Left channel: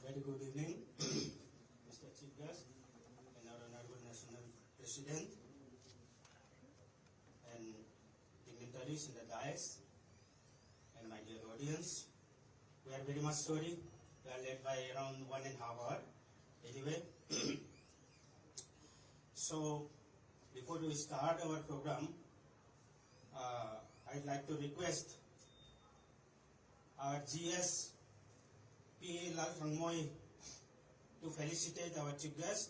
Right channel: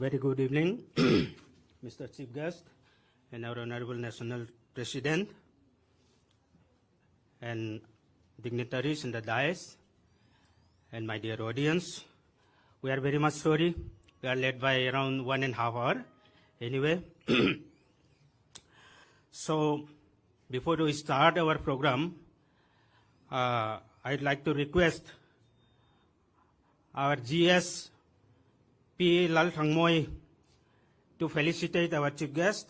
Very good evening, Mr. Chief Guest and our Honorable National President and dignitaries in the dais and my dear audience. We are very much sorry. We are late by around 1.5 hours. Anyway, so before we start our program, I'd like to request our GS P. Lal Thangmoy to felicitate our chief guest.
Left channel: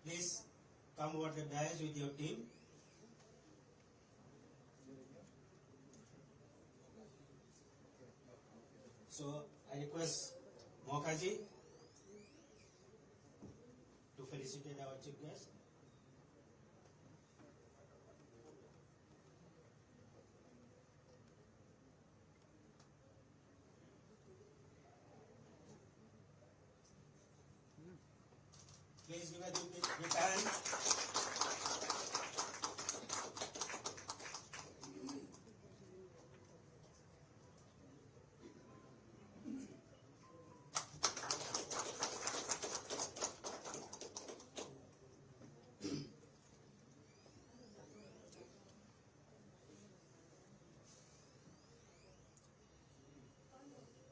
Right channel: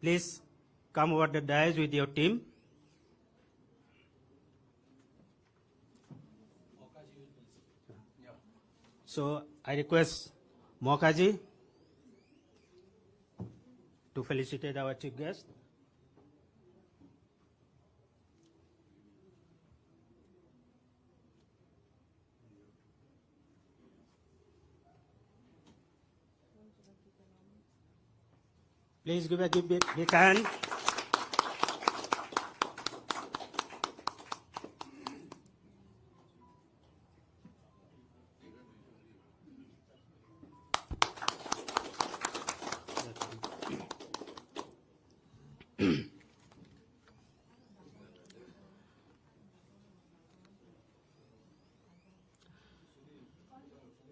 Please come over the dais with your team. So I request Mokaji to felicitate our chief guest. Please give a big hand.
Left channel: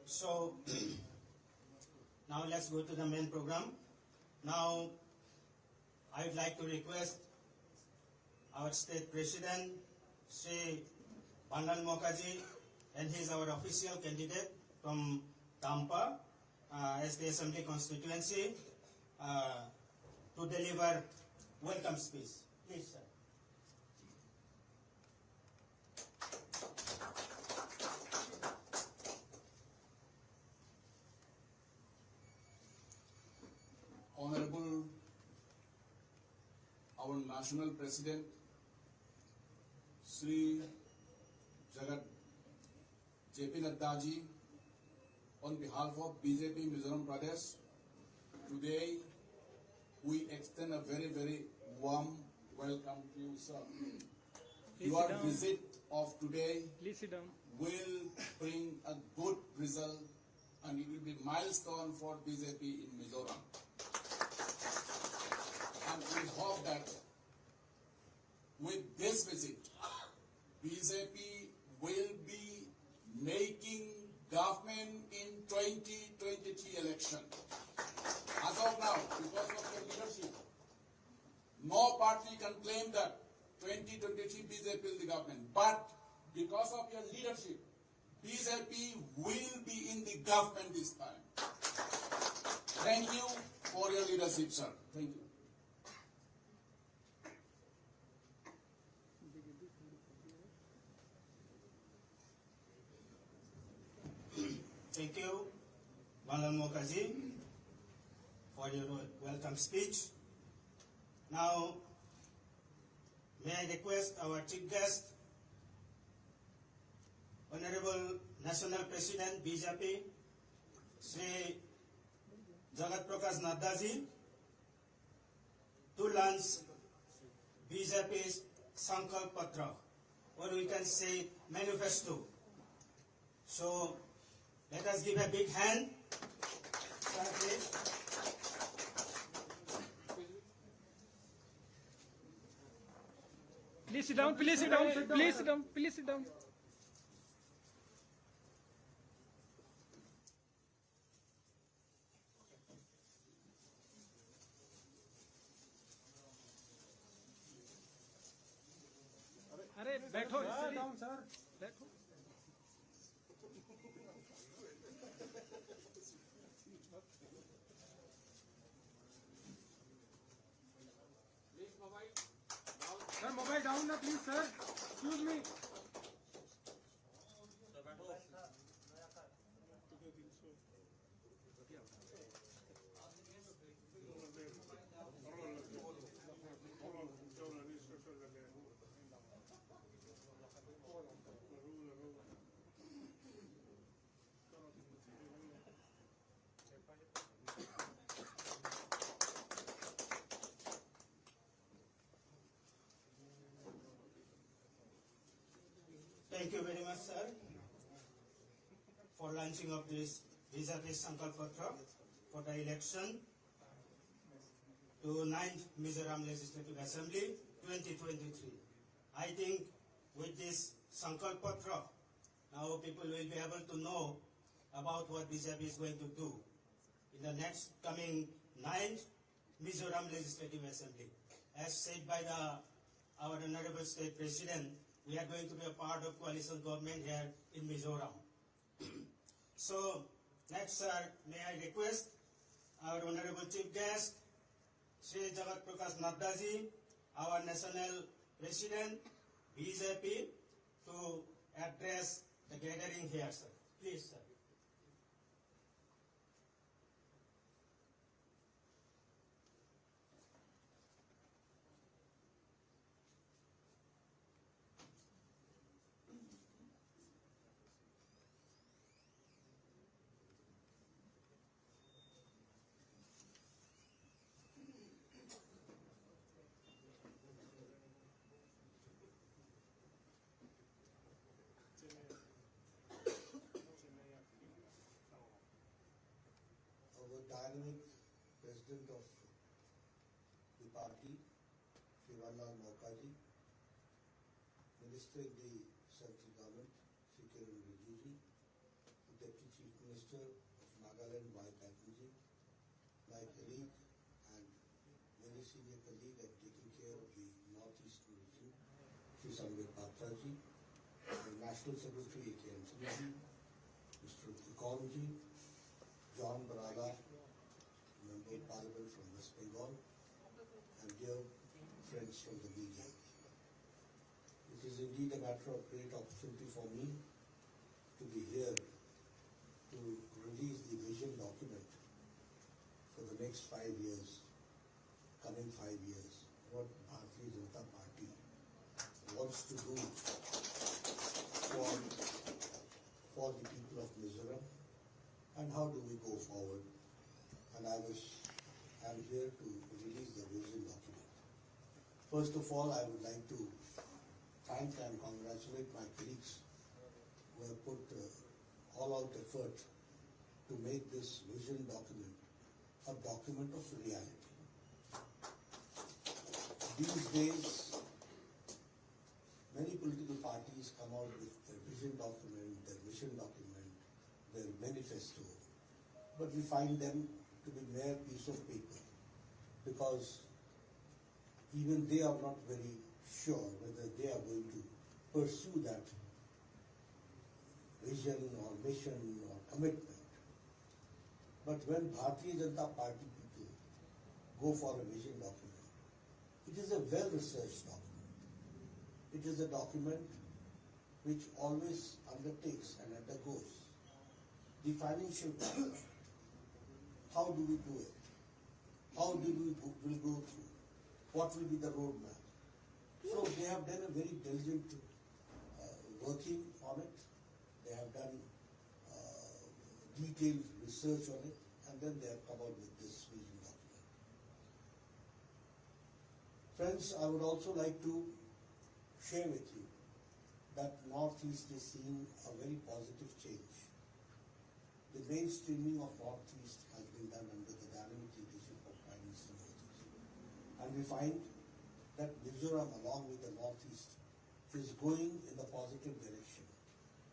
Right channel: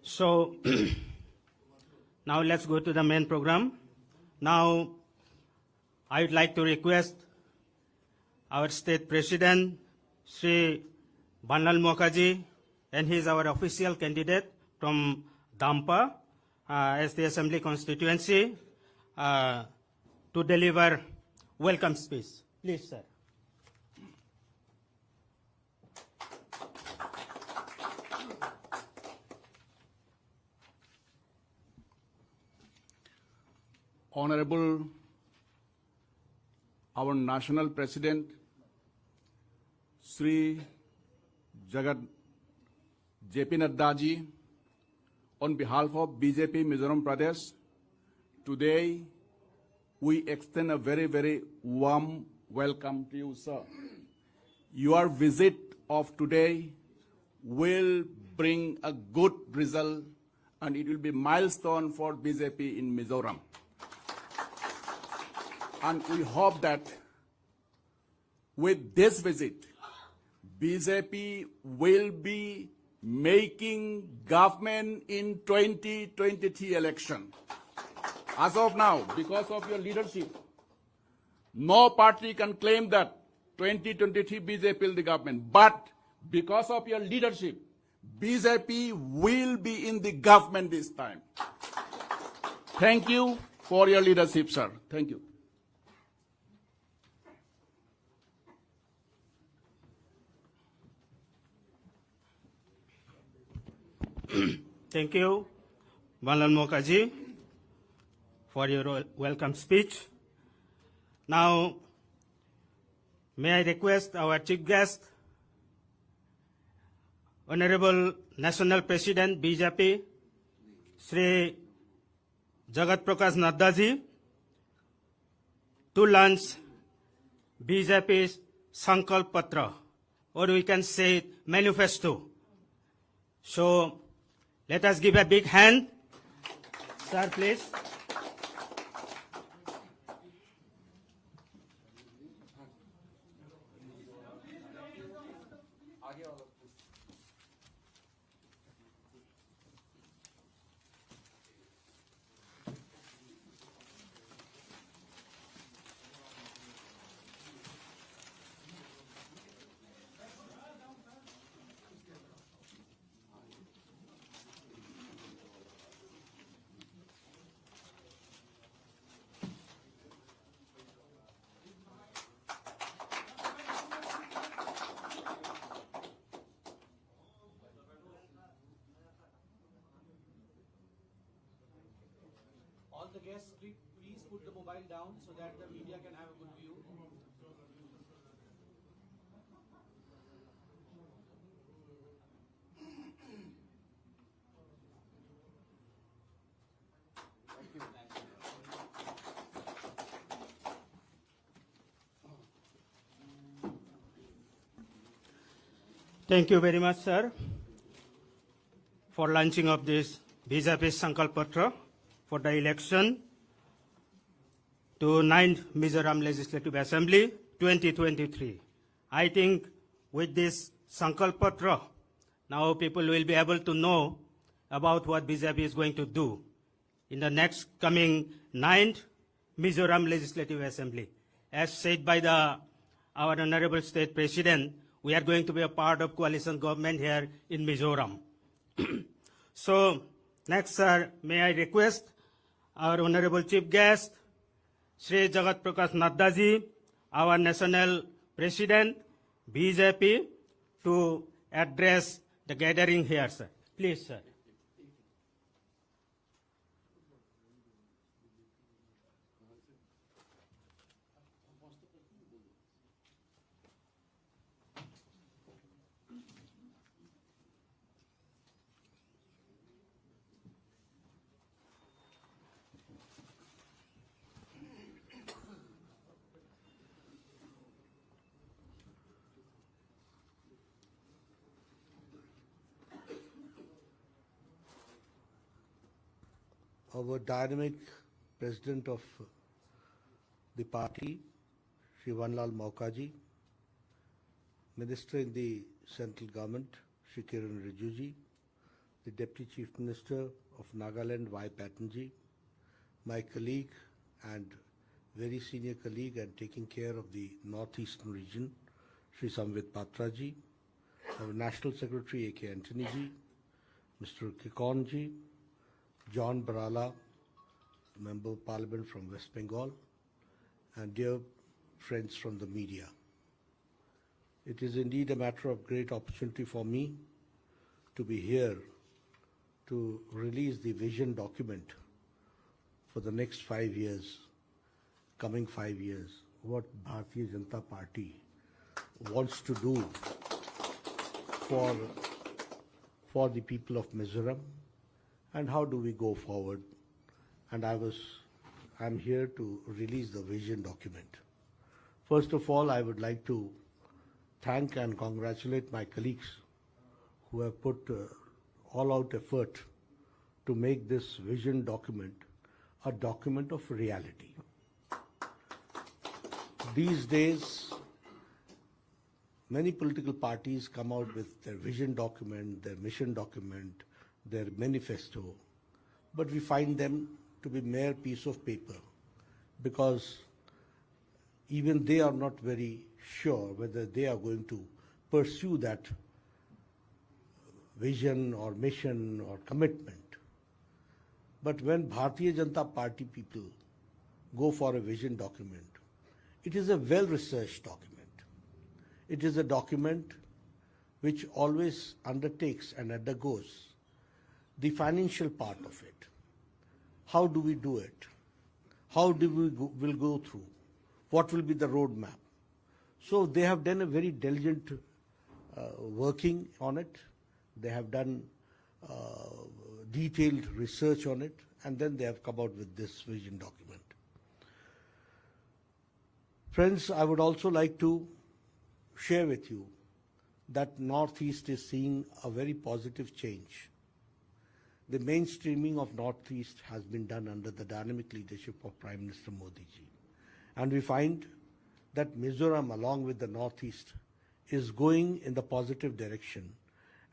So now let's go to the main program. Now, I would like to request our state president, Sri Banlal Mokaji, and he is our official candidate from Dampa as the Assembly constituency to deliver welcome speech. Please, sir. Honorable our National President, Sri Jagat JP Nadda ji, on behalf of BJP Mizoram Pradesh, today we extend a very, very warm welcome to you, sir. Your visit of today will bring a good result and it will be a milestone for BJP in Mizoram. And we hope that with this visit, BJP will be making government in 2023 election. As of now, because of your leadership, no party can claim that 2023 BJP will be the government. But because of your leadership, BJP will be in the government this time. Thank you for your leadership, sir. Thank you. Thank you, Banlal Mokaji, for your welcome speech. Now, may I request our chief guest, Honorable National President BJP, Sri Jagat Prakash Nadda ji, to launch BJP's Sankalp Patra, or we can say Manifesto. So, let us give a big hand. Sir, please. Please sit down, please sit down, please sit down, please sit down. अरे बैठो sir All the guests, please put the mobile down so that the media can have a good view. Thank you very much, sir, for launching of this BJP Sankalp Patra for the election to 9th Mizoram Legislative Assembly 2023. I think with this Sankalp Patra, now people will be able to know about what BJP is going to do in the next coming 9th Mizoram Legislative Assembly. As said by our Honorable State President, we are going to be a part of coalition government here in Mizoram. So next, sir, may I request our Honorable Chief Guest, Shri Jagat Prakash Nadda ji, our National President, BJP, to address the gathering here, sir. Please, sir. Our dynamic president of the party, Shri Vanlal Maukaji, Minister in the central government, Shri Kiran Rijuji, the Deputy Chief Minister of Nagaland, Y. Patanji, my colleague and very senior colleague and taking care of the northeastern region, Shri Samvit Patraji, our National Secretary A.K. Antony ji, Mr. Kikon ji, John Barala, Member of Parliament from West Bengal, and dear friends from the media. It is indeed a matter of great opportunity for me to be here to release the vision document for the next 5 years, coming 5 years, what Bharatiya Janata Party wants to do for the people of Mizoram, and how do we go forward. And I'm here to release the vision document. First of all, I would like to thank and congratulate my colleagues who have put all-out effort to make this vision document a document of reality. These days, many political parties come out with their vision document, their mission document, their manifesto, but we find them to be mere piece of paper because even they are not very sure whether they are going to pursue that vision or mission or commitment. But when Bharatiya Janata Party people go for a vision document, it is a well-researched document. It is a document which always undertakes and undergoes the financial part of it. How do we do it? How do will go through? What will be the roadmap? So they have done a very diligent working on it. They have done detailed research on it, and then they have come out with this vision document. Friends, I would also like to share with you that Northeast is seeing a very positive change. The mainstreaming of Northeast has been done under the dynamic leadership of Prime Minister Modi ji. And we find that Mizoram, along with the Northeast, is going in the positive direction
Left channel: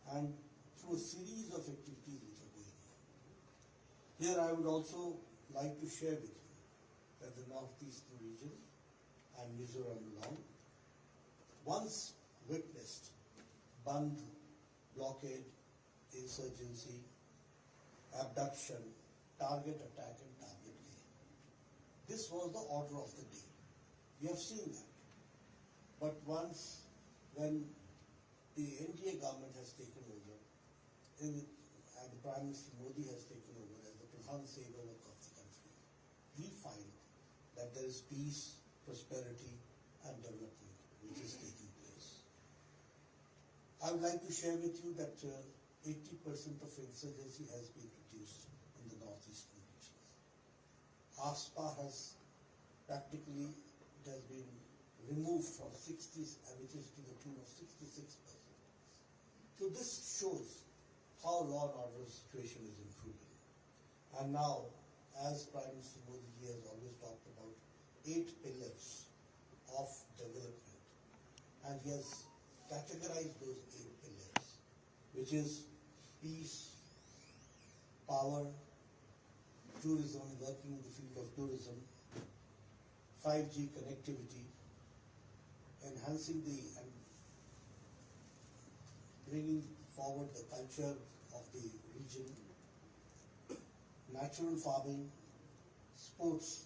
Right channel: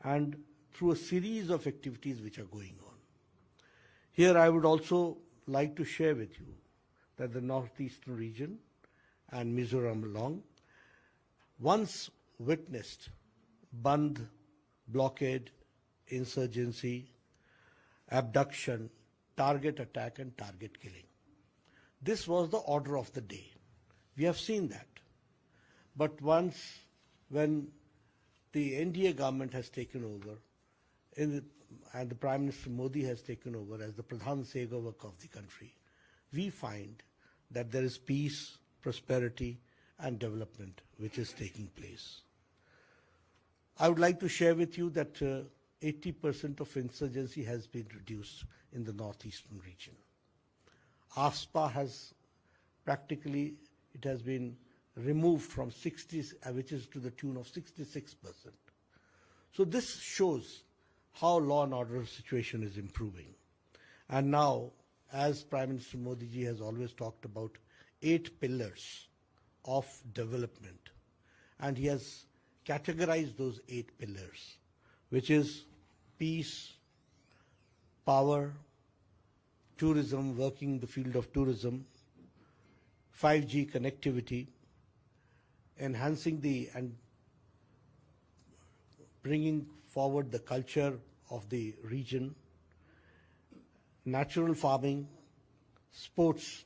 and through a series of activities which are going on. Here I would also like to share with you that the Northeastern region and Mizoram along once witnessed Bandh, blockade, insurgency, abduction, target attack and target killing. This was the order of the day. We have seen that. But once when the NDA government has taken over and the Prime Minister Modi has taken over as the Pradhan Sevak of the country, we find that there is peace, prosperity and development which is taking place. I would like to share with you that 80% of insurgency has been reduced in the northeastern region. ASPA has practically, it has been removed from 60, which is to the tune of 66%. So this shows how law and order situation is improving. And now as Prime Minister Modi ji has always talked about, 8 pillars of development. And he has categorized those 8 pillars, which is peace, power, tourism, working in the field of tourism, 5G connectivity, enhancing and bringing forward the culture of the region, natural farming, sports,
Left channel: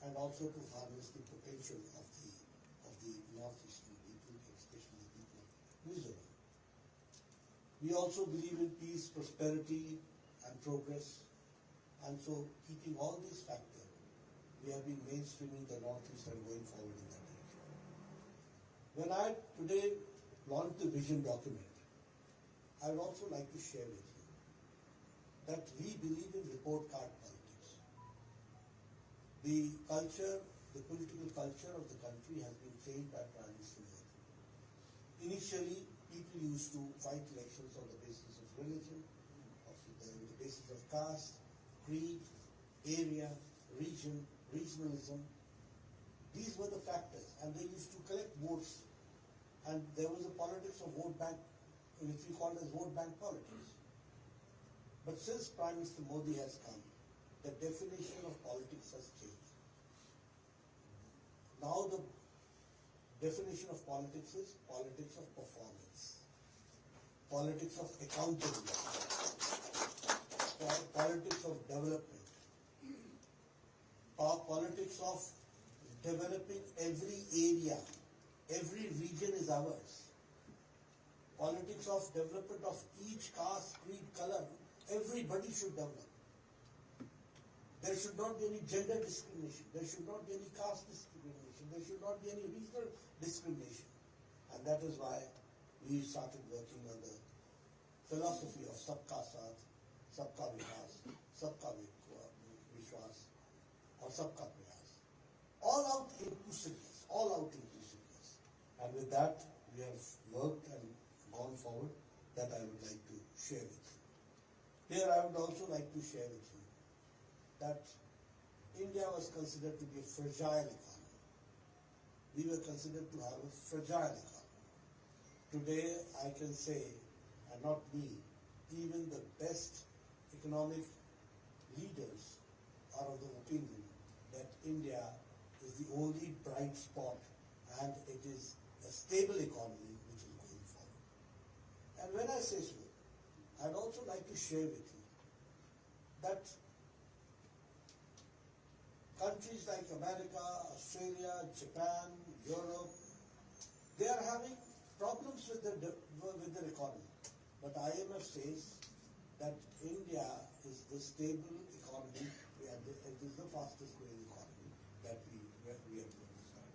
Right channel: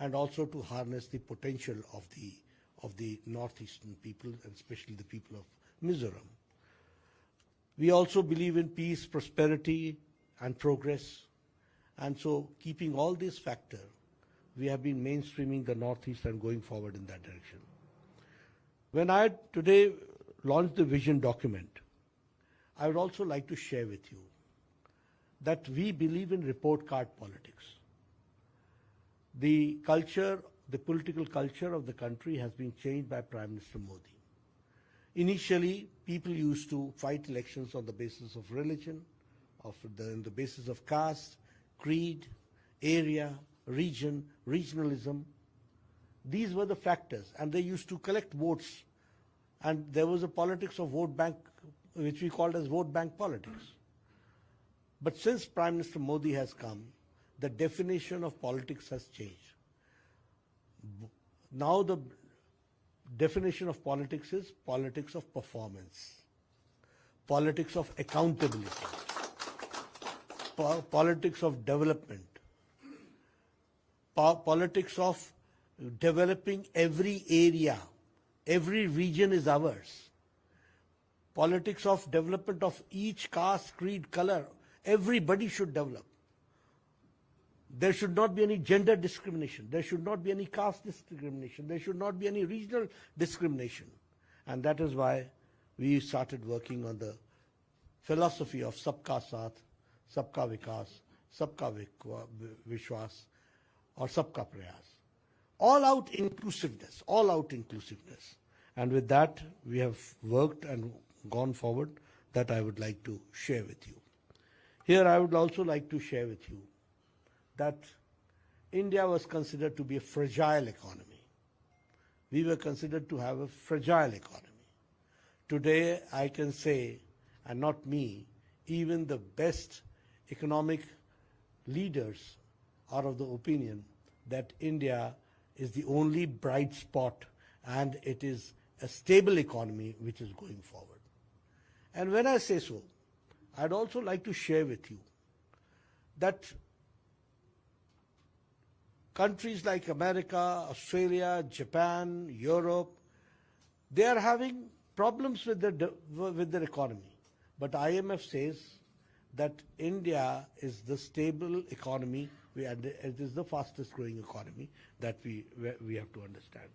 and also to harness the potential of the northeastern people, and especially the people of Mizoram. We also believe in peace, prosperity, and progress, and so keeping all these factors, we have been mainstreaming the northeast and going forward in that direction. When I today launched the vision document, I would also like to share with you that we believe in report card politics. The culture, the political culture of the country has been changed by Prime Minister Modi. Initially, people used to fight elections on the basis of religion, on the basis of caste, creed, area, region, regionalism. These were the factors, and they used to collect votes. And there was a politics of vote bank, which we called as vote bank politics. But since Prime Minister Modi has come, the definition of politics has changed. Now the definition of politics is politics of performance, politics of accountability, politics of development, politics of developing every area, every region is ours, politics of development of each caste, creed, color, everybody should develop. There should not be any gender discrimination. There should not be any caste discrimination. There should not be any regional discrimination. And that is why we started working on the philosophy of Sabka Saath, Sabka Vikas, Sabka Vishwas, or Sabka Prayas. All out inclusiveness, all out inclusiveness. And with that, we have worked and gone forward. That I would like to share with you. Here I would also like to share with you that India was considered to be a fragile economy. We were considered to have a fragile economy. Today I can say, and not me, even the best economic leaders are of the opinion that India is the only bright spot and it is a stable economy which is going forward. And when I say so, I'd also like to share with you that countries like America, Australia, Japan, Europe, they are having problems with their economy. But IMF says that India is the stable economy, and it is the fastest growing economy that we have to understand.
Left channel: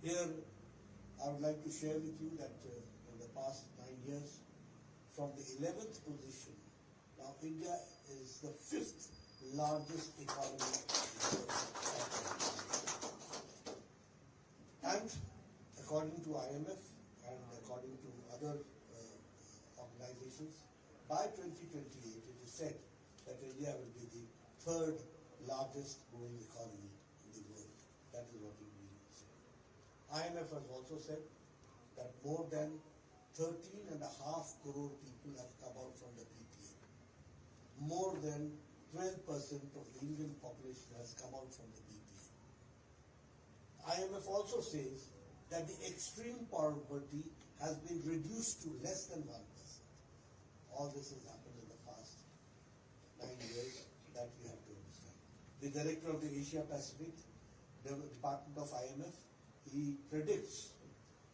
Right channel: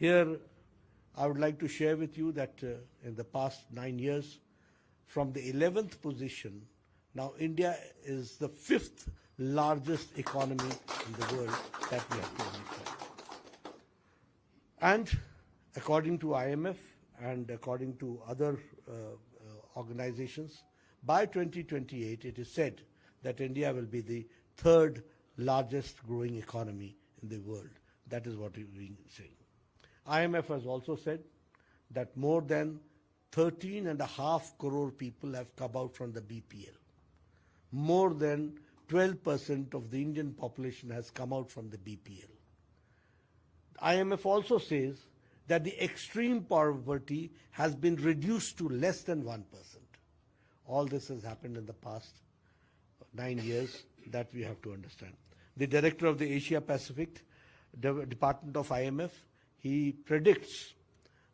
Here, I would like to share with you that in the past 9 years, from the 11th position, now India is the 5th largest economy in the world that we have to understand. And according to IMF and according to other organizations, by 2028 it is said that India will be the 3rd largest growing economy in the world. That is what we are saying. IMF has also said that more than 13.5 crore people have come out from the BPL. More than 12% of the Indian population has come out from the BPL. IMF also says that the extreme poverty has been reduced to less than 1%. All this has happened in the past 9 years, that we have to understand. The director of the Asia Pacific Department of IMF, he predicts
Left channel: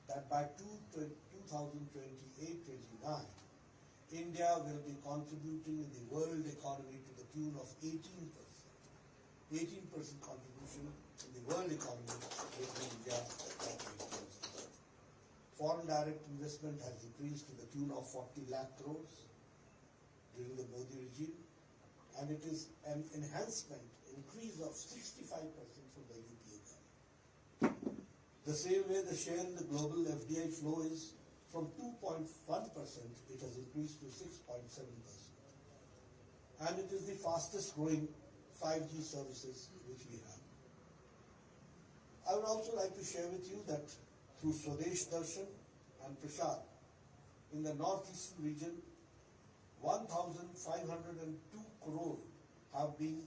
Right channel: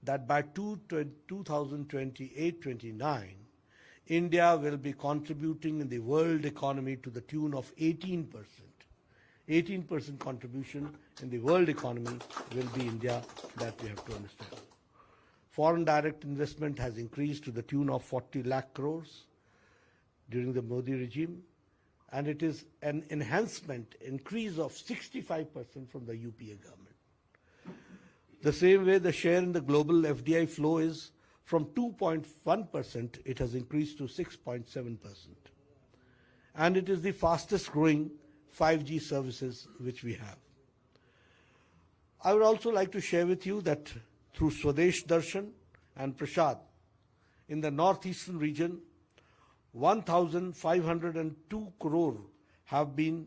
that by 2028-29, India will be contributing in the world economy to the tune of 18%. 18% contribution in the world economy will be India, that we have to understand. Foreign direct investment has increased to the tune of 40 lakh crores during the Modi regime, and it is an increase of 65% from the UPA government. The same way, the share in the global FDI flow is from 2.1%, it has increased to 6.7%. And it is the fastest growing 5G services which we have. I would also like to share with you that through Swadesh Darshan and Prasad, in the northeastern region, 1,502 crore have been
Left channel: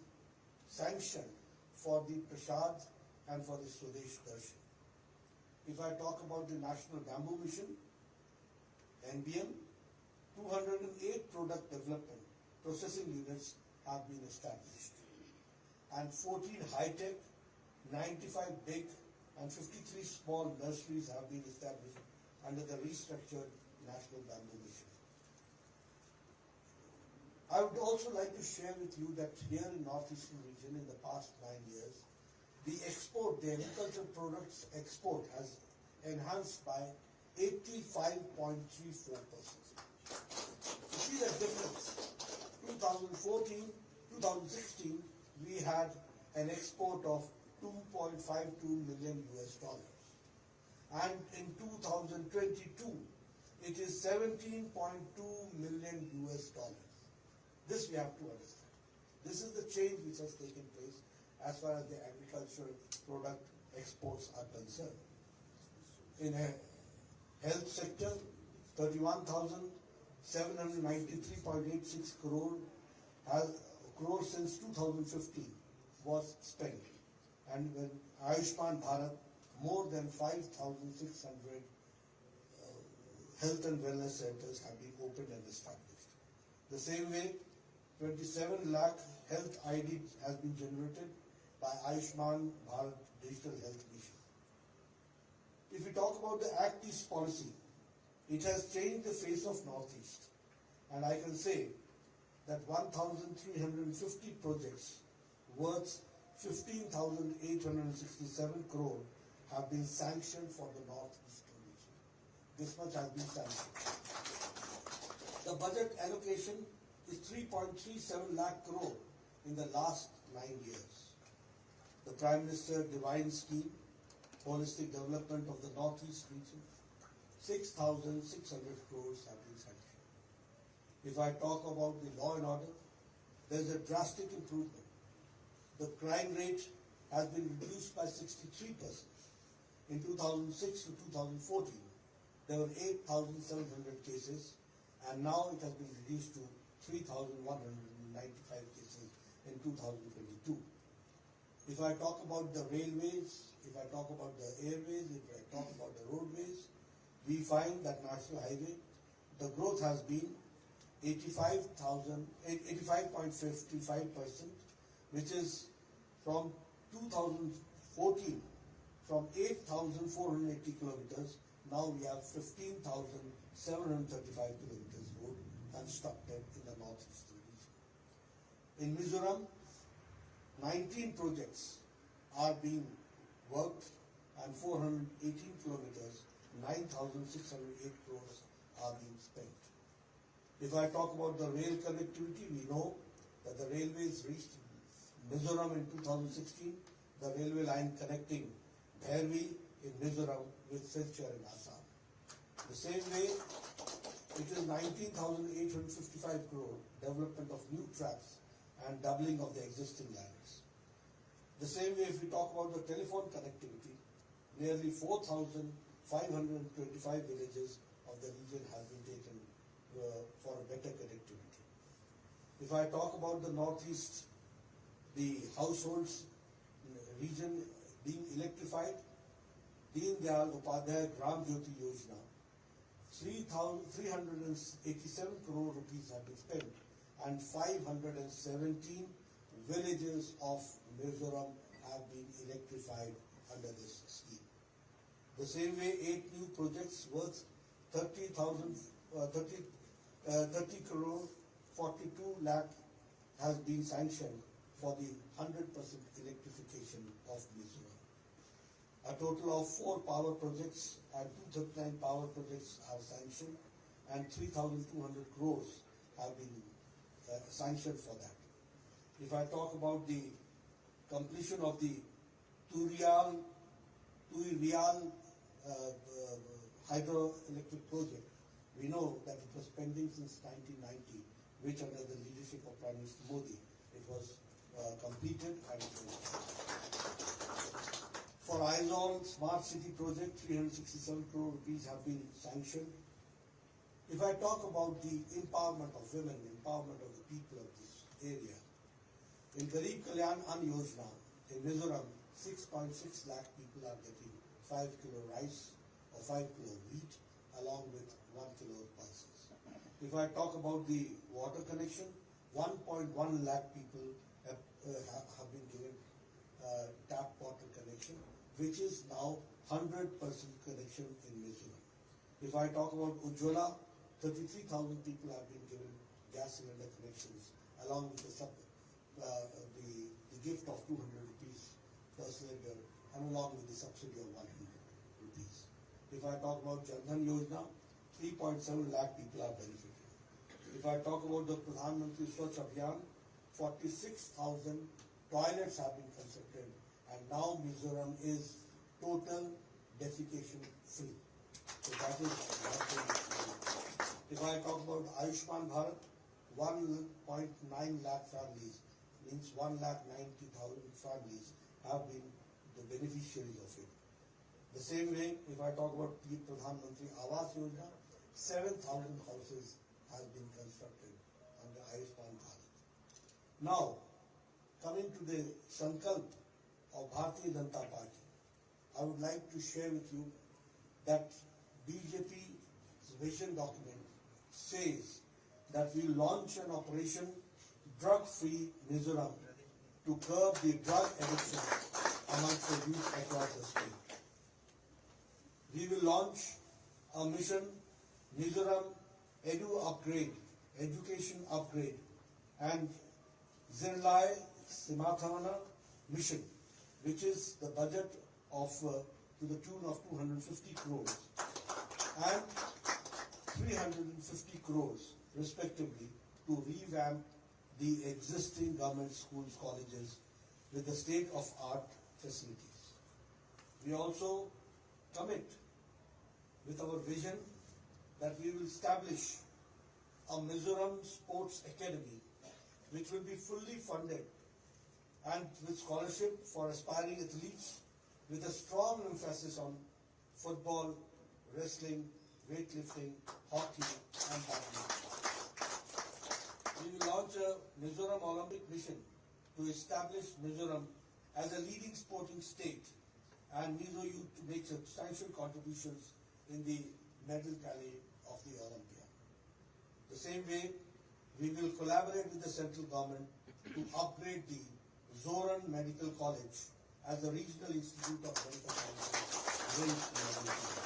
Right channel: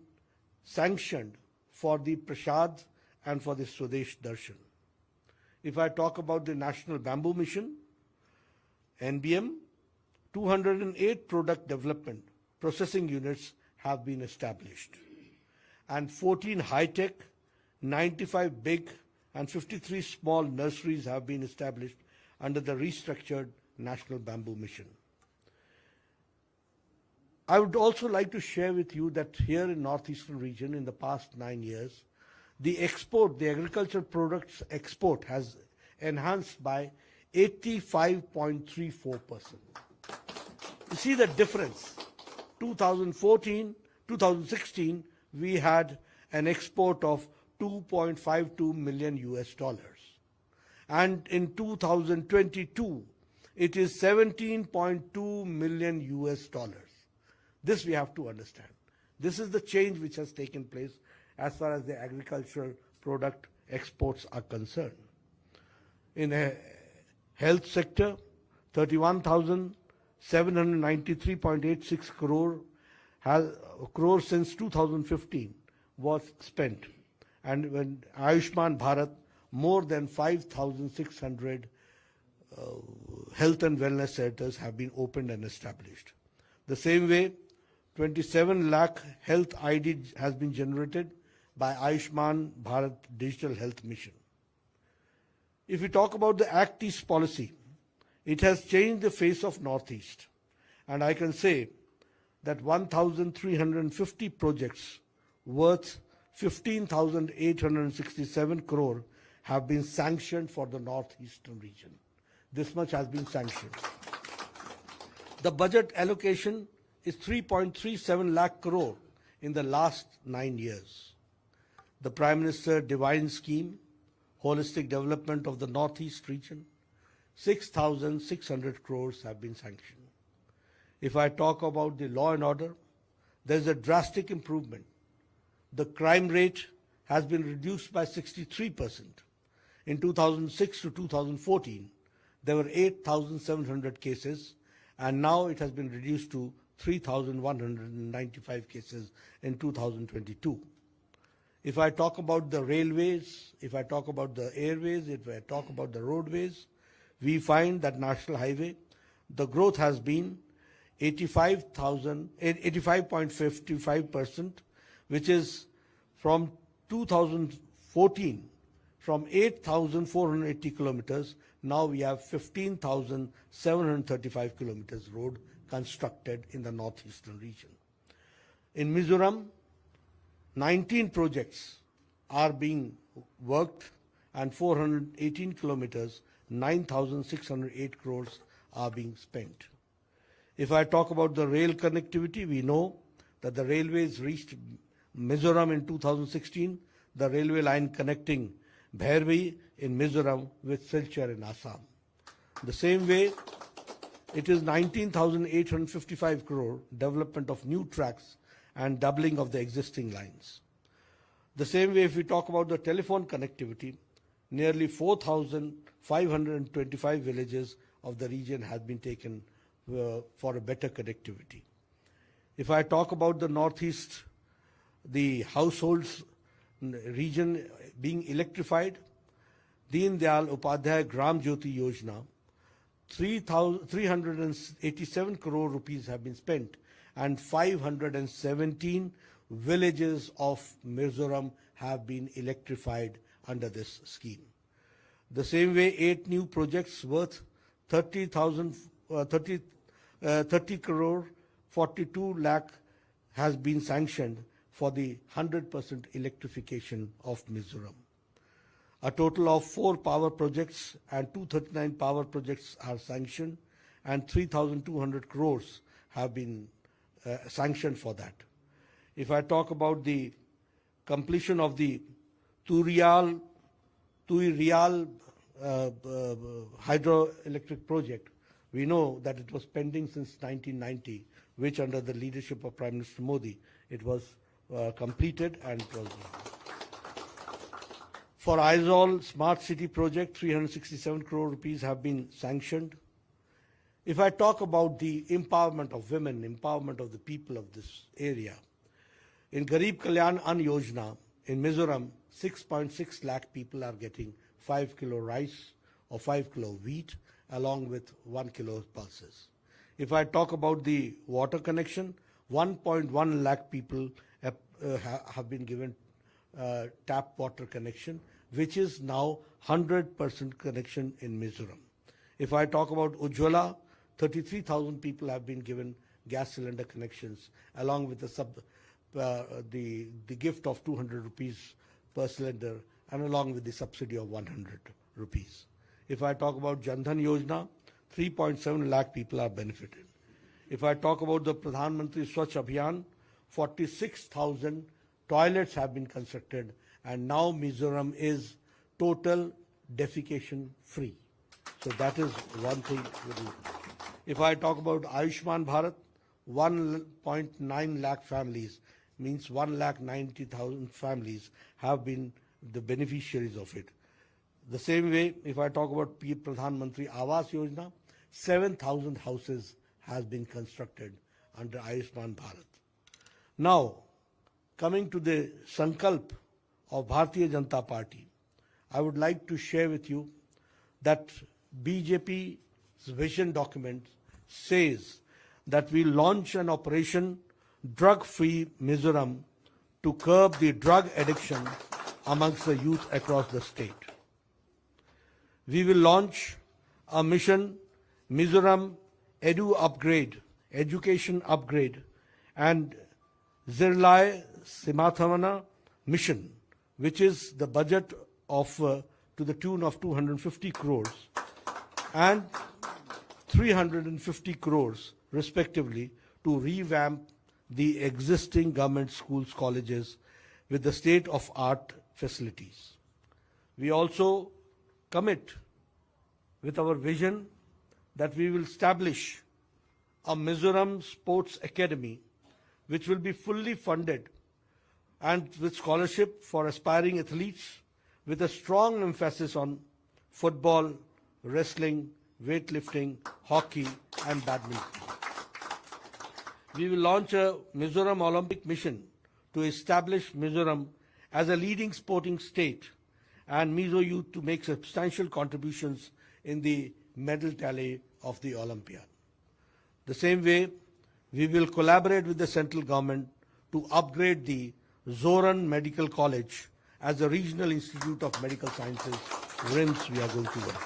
sanctioned for the Prasad and for the Swadesh Darshan. If I talk about the National Bamboo Mission, NBM, 208 product development processing units have been established, and 14 high-tech, 95 big and 53 small nurseries have been established under the restructured National Bamboo Mission. I would also like to share with you that here in northeastern region in the past 9 years, the agricultural products export has enhanced by 85.34%. You see the difference. 2016, we had an export of 2.52 million US dollars. And in 2022, it is 17.2 million US dollars. This we have to understand. This is the change which has taken place as far as the agricultural product exports are concerned. In a health sector, 31,793.86 crore since 2015 was spent. And when Ayushman Bharat, more than 5,600 health and wellness centers have been opened and established. The same way, 27 lakh health ID has been generated by Ayushman Bharat Digital Health Mission. If we talk about the Act East policy, it has changed the face of Northeast. And I can say that 1,350 projects worth 15,867 crore have been sanctioned for the northeastern region. This much has been sanctioned. The budget allocation is 3.37 lakh crore in the last 9 years. The Prime Minister Divine Scheme, Holistic Development of the Northeast region, 6,600 crores have been sanctioned. If I talk about the law and order, there's a drastic improvement. The crime rate has been reduced by 63%. In 2006 to 2014, there were 8,700 cases, and now it has been reduced to 3,195 cases in 2022. If I talk about the railways, if I talk about the airways, if I talk about the roadways, we find that National Highway, the growth has been 85.55%, which is from 2014, from 8,480 kilometers, now we have 15,735 kilometers road constructed in the northeastern region. In Mizoram, 19 projects are being worked and 418 kilometers, 9,608 crores are being spent. If I talk about the rail connectivity, we know that the railways reached Mizoram in 2016, the railway line connecting Bhairbi in Mizoram with Silchar in Assam. The same way, it is 19,855 crore development of new tracks and doubling of the existing lines. The same way, if we talk about the telephone connectivity, nearly 4,525 villages of the region has been taken for a better connectivity. If I talk about the northeast, the households region being electrified, Deen Dayal Upadhyay Gram Jyoti Yojana, 387 crore rupees have been spent, and 517 villages of Mizoram have been electrified under this scheme. The same way, 8 new projects worth 30 crore 42 lakh has been sanctioned for the 100% electrification of Mizoram. A total of 4 power projects and 239 power projects are sanctioned, and 3,200 crores have been sanctioned for that. If I talk about the completion of the Tui Real hydroelectric project, we know that it was pending since 1990, which under the leadership of Prime Minister Modi, it was completed and it was for Aizawl Smart City project, 367 crore rupees have been sanctioned. If I talk about the empowerment of women, empowerment of the people of this area, in Garib Kalyan Ann Yojana, in Mizoram, 6.6 lakh people are getting 5 kilo rice or 5 kilo wheat along with 1 kilo pulses. If I talk about the water connection, 1.1 lakh people have been given tap water connection, which is now 100% connection in Mizoram. If I talk about Ujjwala, 33,000 people have been given gas cylinder connections along with the gift of 200 rupees per cylinder and along with the subsidy of 100 rupees. If I talk about Jan Dhan Yojana, 3.7 lakh people are benefited. If I talk about the Pradhan Mantri Swachh Abhiyan, 46,000 toilets have been constructed and now Mizoram is total defecation free. So that is one thing. If I talk about Ayushman Bharat, 1.9 lakh families, means 1,90,000 families have been the beneficiaries of it. The same way, if I talk about Pradhan Mantri Awas Yojana, 7,000 houses has been constructed under Ayushman Bharat. Now, coming to the Sankalp of Bharatiya Janata Party, I would like to share with you that BJP's vision document says that we launch an operation drug-free Mizoram to curb the drug addiction amongst the youth across the state. We will launch a mission Mizoram Education Upgrade, and Zirlai Simathavana mission, which is the budget of to the tune of 250 crores and 350 crores respectively to revamp the existing government schools, colleges with the state-of-art facilities. We also commit with our vision that we will establish a Mizoram Sports Academy which will be fully funded and with scholarship for aspiring athletes with a strong emphasis on football, wrestling, weightlifting, hockey and badminton. We will launch a Mizoram Olympic mission to establish Mizoram as a leading sporting state and Mizo youth to make substantial contributions in the medal tally of the Olympiad. The same way, we will collaborate with the central government to upgrade the Zoran Medical College as a regional institute of medical sciences. RIMS we are going to work.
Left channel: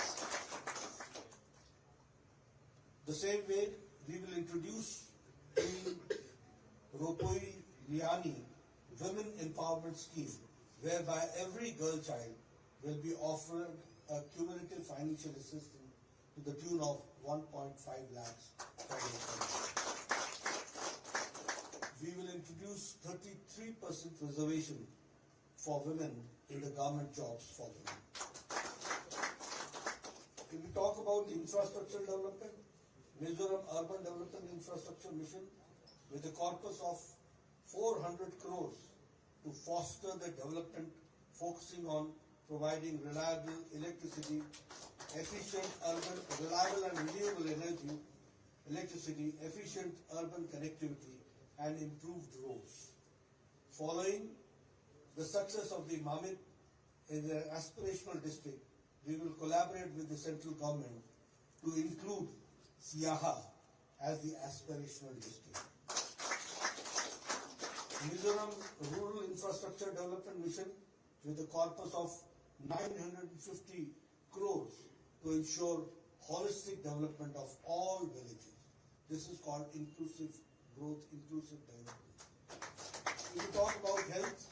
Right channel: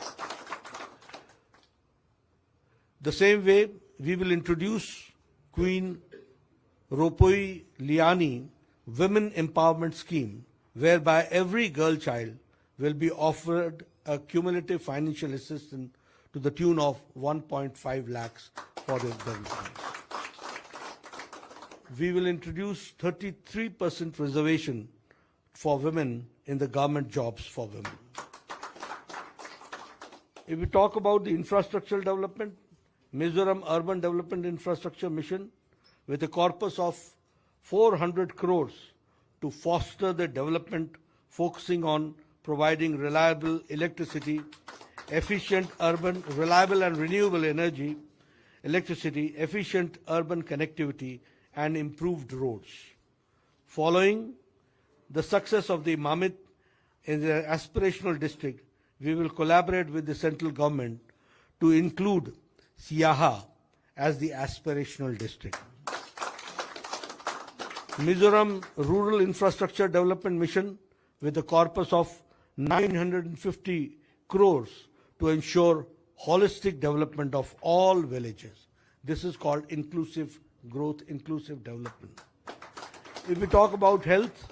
The same way, we will introduce Queen Ropoi Liani Women Empowerment Scheme, whereby every girl child will be offered a cumulative financial assistance to the tune of 1.5 lakhs for their development. We will introduce 33% reservation for women in the government jobs for women. If we talk about the infrastructural development, Mizoram Urban Development Infrastructure Mission with a corpus of 400 crores to foster the development focusing on providing reliable electricity, efficient urban, reliable and renewable energy, electricity, efficient urban connectivity and improved roads. Following the success of the Mamit in the aspirational district, we will collaborate with the central government to include Siaha as the aspirational district. Mizoram Rural Infrastructure Development Mission with a corpus of 950 crores to ensure holistic development of all villages. This is called inclusive growth, inclusive development. If we talk about health,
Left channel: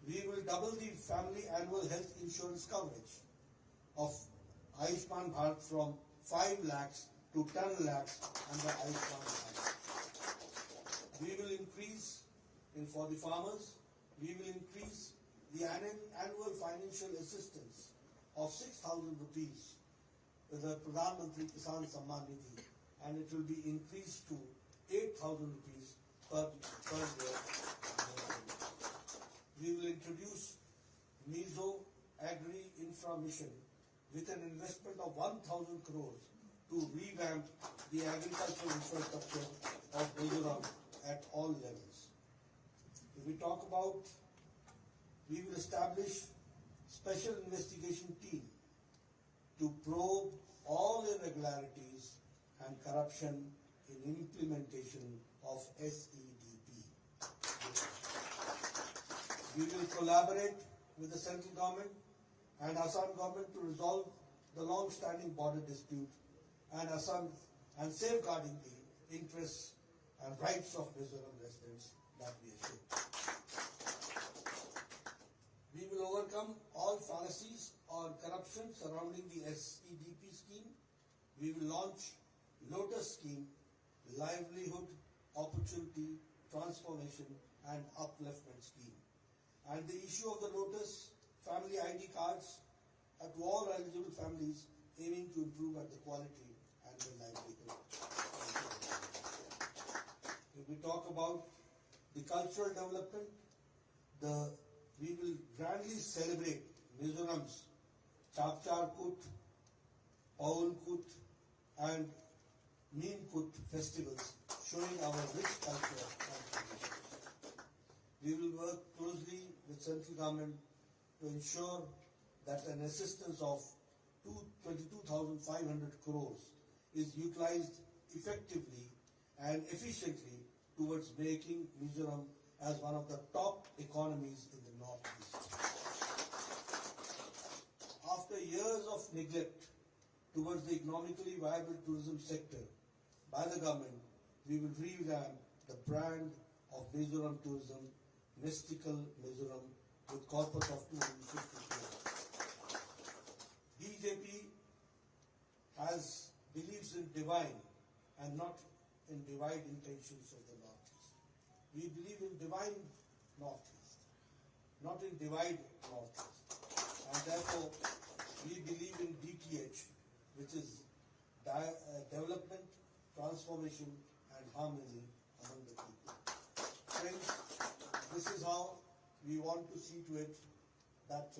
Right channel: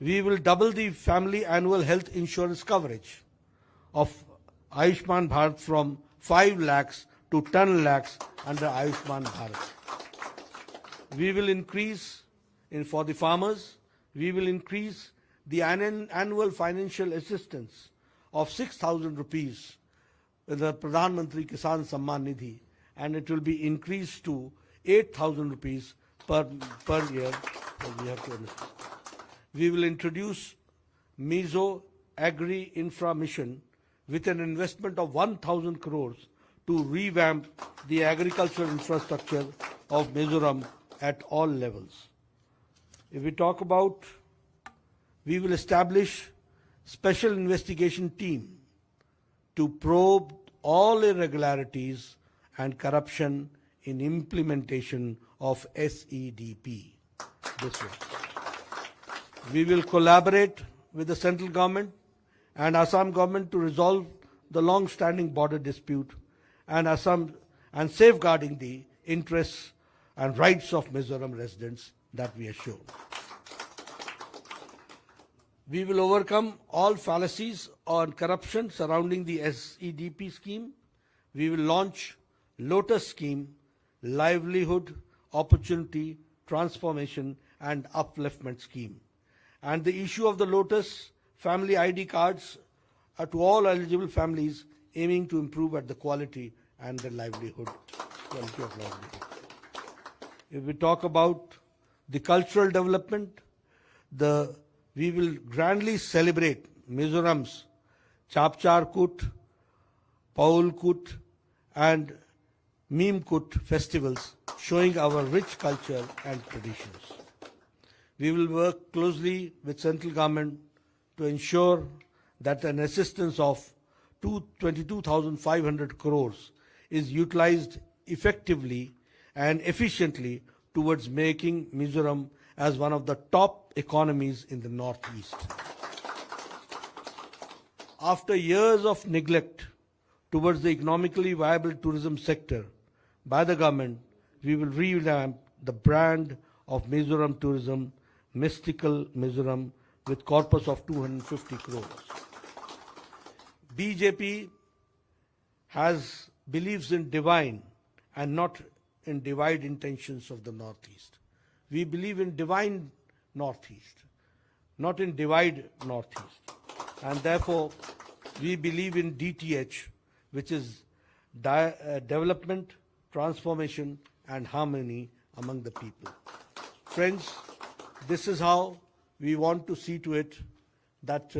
we will double the family annual health insurance coverage of Ayushman Bharat from 5 lakhs to 10 lakhs under Ayushman Bharat. We will increase, for the farmers, we will increase the annual financial assistance of 6,000 rupees in the Pradhan Mantri Kisan Samman Nidhi, and it will be increased to 8,000 rupees per year. We have to understand. We will introduce Mizo Agri Infra Mission with an investment of 1,000 crores to revamp the agricultural infrastructure of Mizoram at all levels. If we talk about, we will establish special investigation team to probe all irregularities and corruption in implementation of SEDP. This way. We will collaborate with the central government and Assam government to resolve the long-standing border dispute and safeguarding the interests and rights of Mizoram residents that we assure. We will overcome all fallacies on corruption surrounding the SEDP scheme. We will launch Lotus scheme, livelihood, opportunity, transformation and upliftment scheme. And the issue of the Lotus family ID cards to all eligible families, aiming to improve at the quality and the livelihood, quality of livelihood. If we talk about the cultural development, we will grandly celebrate Mizoram's Chapchar Kut, Paul Kut and Meme Kut festivals, showing our rich culture and traditions. We will work closely with central government to ensure that an assistance of 22,500 crores is utilized effectively and efficiently towards making Mizoram as one of the top economies in the Northeast. After years of neglect towards the economically viable tourism sector by the government, we will revamp the brand of Mizoram tourism, Mystical Mizoram, with corpus of 250 crores. BJP believes in divine and not in divide intentions of the Northeast. We believe in divine Northeast, not in divide Northeast. And therefore, we believe in DTH, which is development, transformation, and harmony among the people. Friends, this is how we want to see to it that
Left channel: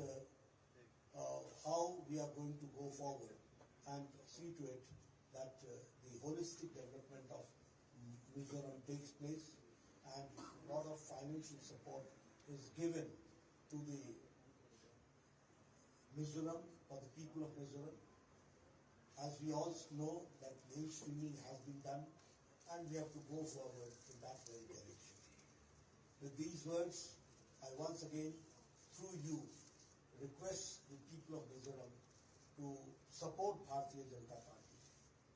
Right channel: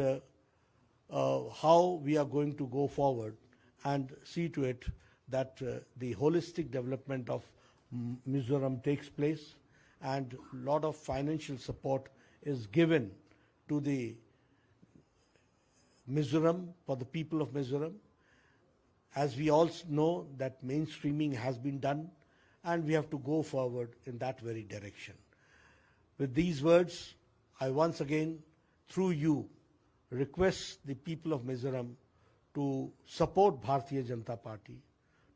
how we are going to go forward and see to it that the holistic development of Mizoram takes place and a lot of financial support is given to the Mizoram, for the people of Mizoram. As we all know that mainstreaming has been done and we have to go forward in that very direction. With these words, I once again, through you, request the people of Mizoram to support Bharatiya Janata Party,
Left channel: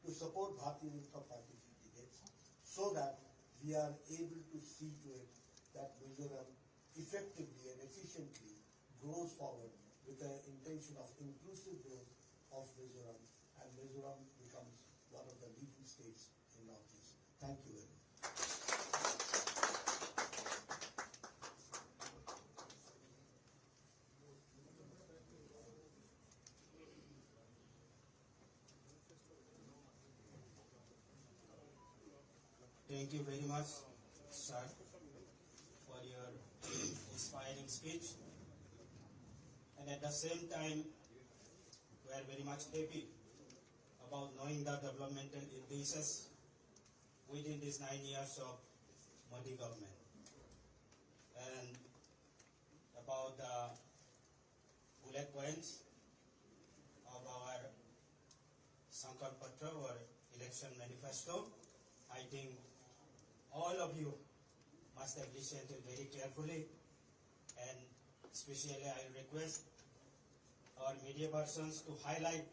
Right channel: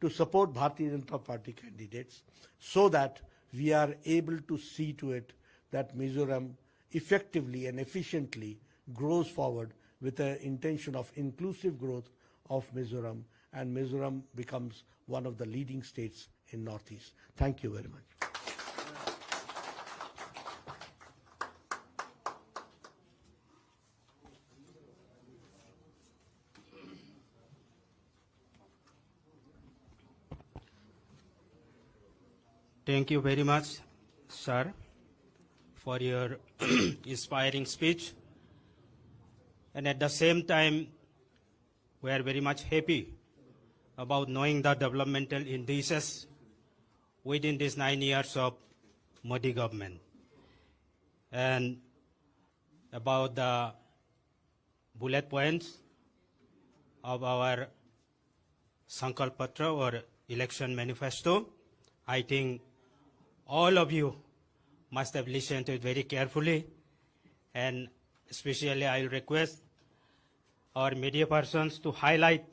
to support Bharatiya Janata Party candidates, so that we are able to see to it that Mizoram effectively and efficiently grows forward with the intention of inclusive growth of Mizoram, and Mizoram becomes one of the leading states in Northeast. Thank you very much. Thank you very much, sir, for your inspiring speech. And at the same time, we are very much happy about knowing the developmental indices within these 9 years of Modi government. And about the bullet points of our Sankalp Patra or election manifesto, I think all of you must have listened to it very carefully, and especially I will request our media persons to highlight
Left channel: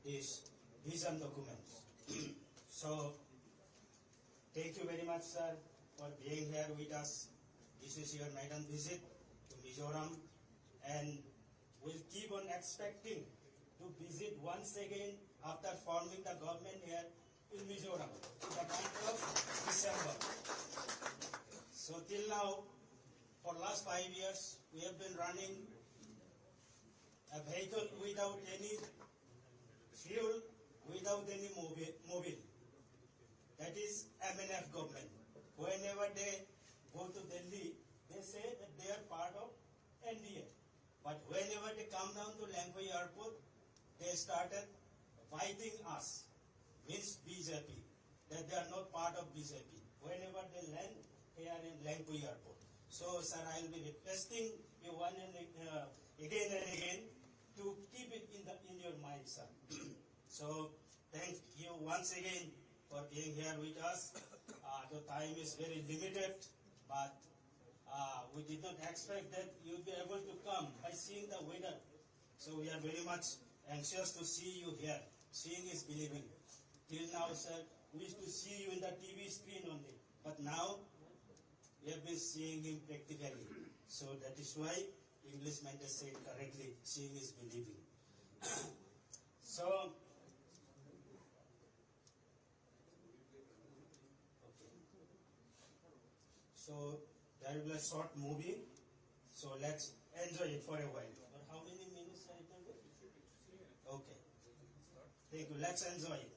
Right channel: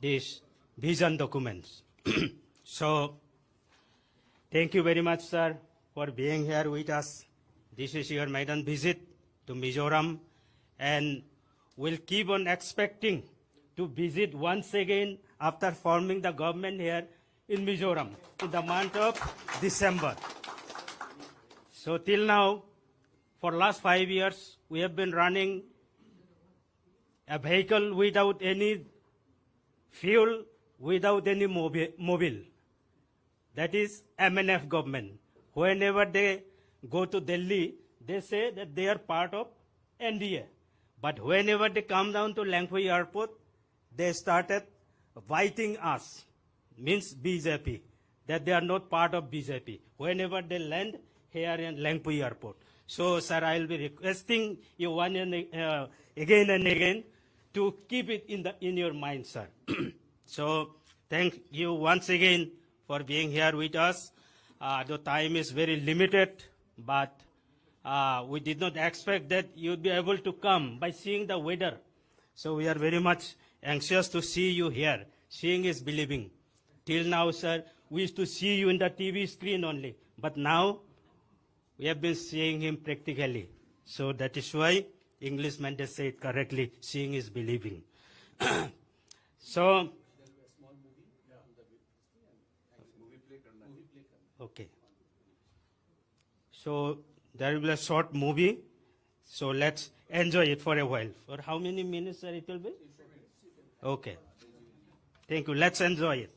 these vision documents. So, thank you very much, sir, for being here with us. This is your maiden visit to Mizoram, and we'll keep on expecting to visit once again after forming the government here in Mizoram in the month of December. So till now, for last 5 years, we have been running a vehicle without any fuel, without any mobile. That is MNF government, whenever they go to Delhi, they say that they are part of NDA. But whenever they come down to Langpui airport, they started fighting us, means BJP, that they are not part of BJP, whenever they land here in Langpui airport. So, sir, I will be requesting you again and again to keep it in your mind, sir. So, thank you once again for being here with us. The time is very limited, but we did not expect that you'd be able to come by seeing the weather. So we are very much anxious to see you here. Seeing is believing. Till now, sir, we used to see you in the TV screen only, but now we have been seeing him practically. So that is why Englishman they say it correctly, seeing is believing. So, okay. So there will be a short movie. So let's enjoy it for a while. For how many minutes, sir, it will be? Okay. Thank you. Let's enjoy it.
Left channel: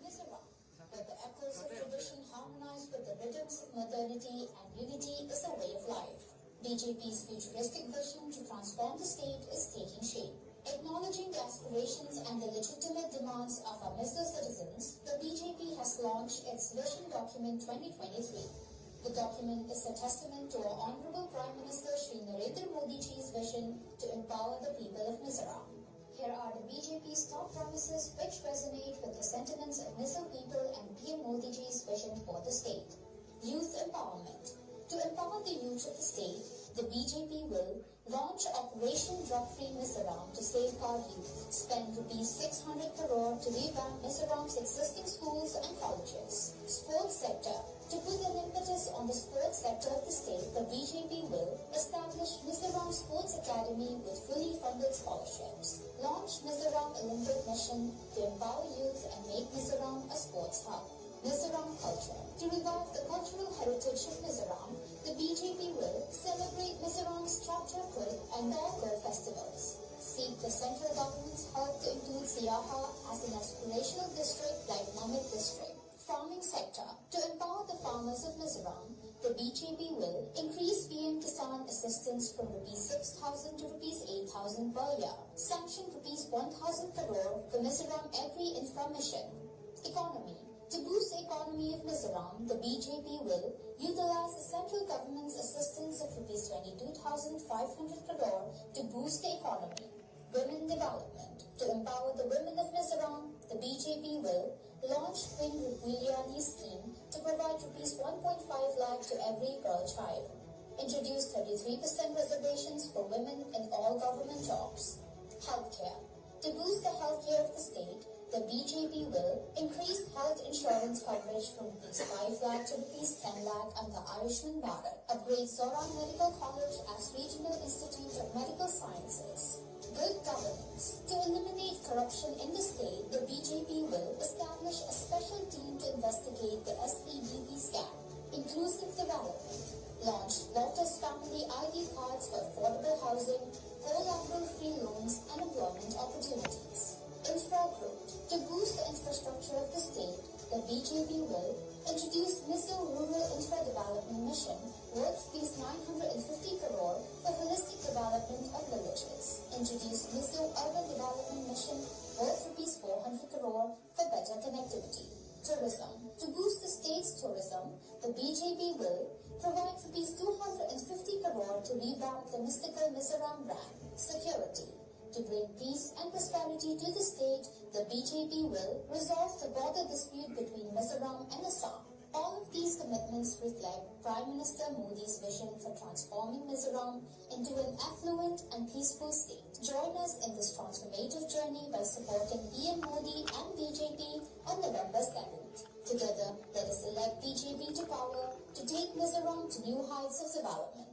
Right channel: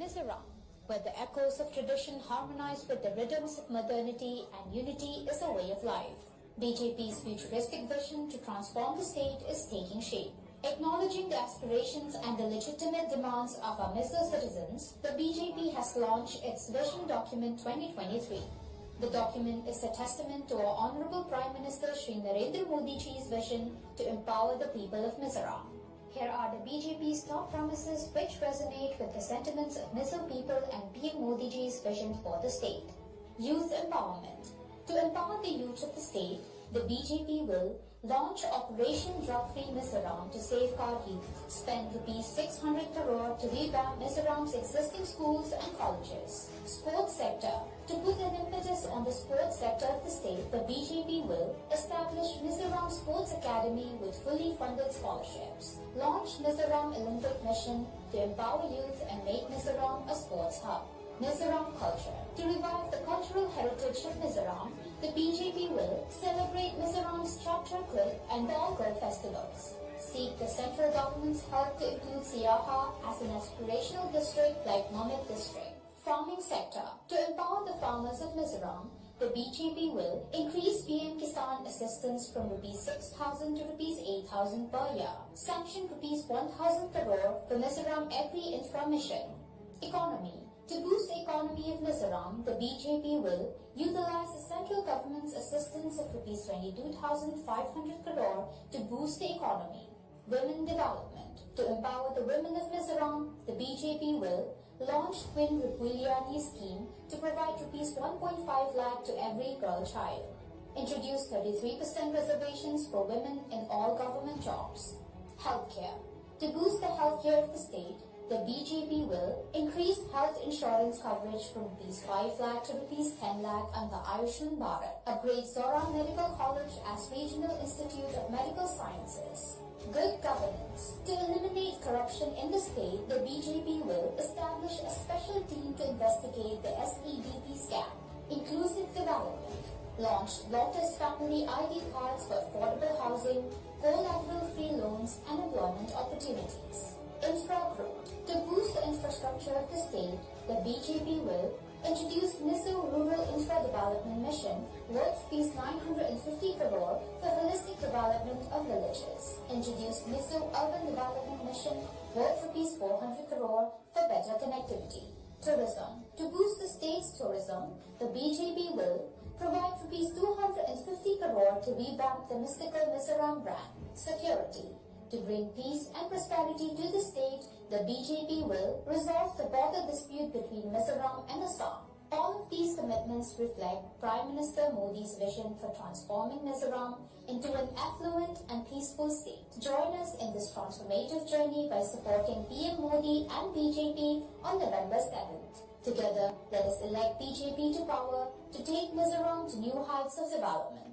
Mizoram, where the echoes of tradition harmonize with the rhythms of modernity and unity is a way of life. BJP's futuristic vision to transform the state is taking shape. Acknowledging the aspirations and the legitimate demands of our Mizo citizens, the BJP has launched its Vision Document 2023. The document is a testament to our Honorable Prime Minister Shri Narendra Modi Ji's vision to empower the people of Mizoram. Here are the BJP's top promises which resonate with the sentiments of Mizo people and PM Modi Ji's vision for the state. Youth empowerment. To empower the youth of the state, the BJP will launch Operation Drug-Free Mizoram to safeguard youth, spend ₹600 crore to revamp Mizoram's existing schools and colleges. Sports sector. To put an impetus on the sports sector of the state, the BJP will establish Mizoram Sports Academy with fully funded scholarships. Launch Mizoram Olympic Mission to empower youth and make Mizoram a sports hub. Mizoram culture. To revive the cultural heritage of Mizoram, the BJP will celebrate Mizoram's Chapchakrit and Dolgar festivals. Seek the central government's help to include Siaha as an aspirational district like Mamit district. Farming sector. To empower the farmers of Mizoram, the BJP will increase PM Kisan assistance from ₹6,000 to ₹8,000 per year. Sanction ₹1,000 crore for Mizoram Agri-Infra Mission. Economy. To boost the economy of Mizoram, the BJP will utilize the central government's assistance of ₹22,500 crore to boost the economy. Women development. To empower the women of Mizoram, the BJP will launch Twin Rupuliani scheme to provide ₹1.5 lakh to every girl child. Introduce 33% reservations for women in all government jobs. Healthcare. To boost the healthcare of the state, the BJP will increase health insurance coverage from ₹5 lakh to ₹10 lakh under Ayushman Bharat. Upgrade Mizoram Medical College as Regional Institute of Medical Sciences. Good governance. To eliminate corruption in the state, the BJP will establish a special team to investigate the SEBP scam. Inclusive development. Launched Lotus Family ID cards for affordable housing, collateral-free loans, and employment opportunities. Infra growth. To boost the infrastructure of the state, the BJP will introduce Mizo Rural Infra Development Mission worth ₹950 crore for holistic development of villages. Introduce Mizo Urban Development Mission worth ₹400 crore for better connectivity. Tourism. To boost the state's tourism, the BJP will provide ₹250 crore to revamp the mystical Mizoram brand. Security. To bring peace and prosperity to the state, the BJP will resolve the border dispute between Mizoram and Assam. All of these commitments reflect Prime Minister Modi's vision for transforming Mizoram into an affluent and peaceful state. Join us in this transformative journey by supporting PM Modi and BJP on November 7th. Together, let us elect BJP to power to take Mizoram to new heights of development.